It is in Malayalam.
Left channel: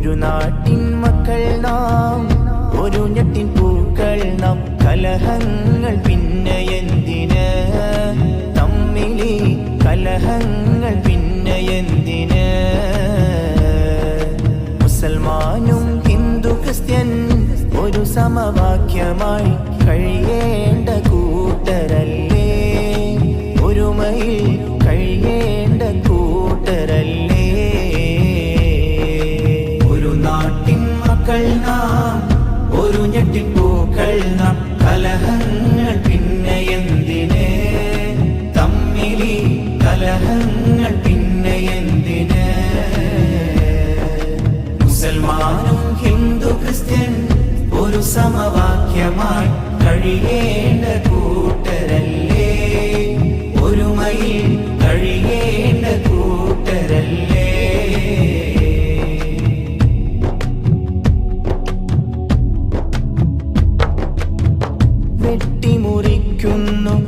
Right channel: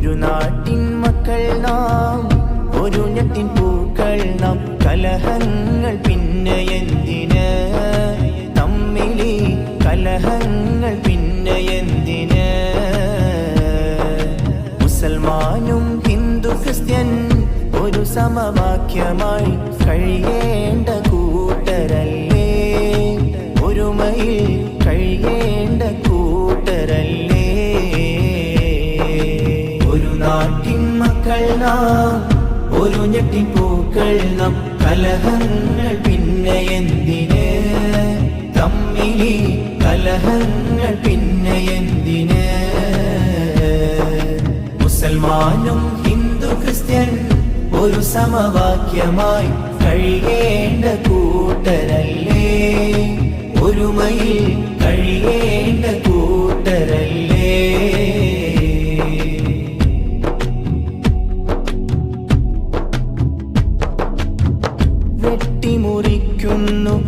ഒരു നാട്ടിൻ മക്കൾ നാം, ഒരു ഞെട്ടിൻ പൂക്കൾ നാം. കലഹങ്ങൾ പിന്നെ എന്തിന്, തമ്മിലി കലഹങ്ങൾ പിന്നെ എന്തിന്. മുസൽമാനും ഹിന്ദു ക്രിസ്ത്യൻ ഒരു സമവാക്യമായി കഴിയേണ്ട കൂട്ടരല്ലേ, ഒരുമയിൽ കഴിയേണ്ട കൂട്ടരല്ലേ. ഒരു നാട്ടിൻ മക്കൾ നാം, ഒരു ഞെട്ടിൻ പൂക്കൾ നാം. കലഹങ്ങൾ പിന്നെ എന്തിന്, തമ്മിലി കലഹങ്ങൾ പിന്നെ എന്തിന്. മുസൽമാനും ഹിന്ദു ക്രിസ്ത്യൻ ഒരു സമവാക്യമായി കഴിയേണ്ട കൂട്ടരല്ലേ, ഒരുമയിൽ കഴിയേണ്ട കൂട്ടരല്ലേ. വെട്ടിമുറിക്കുന്നു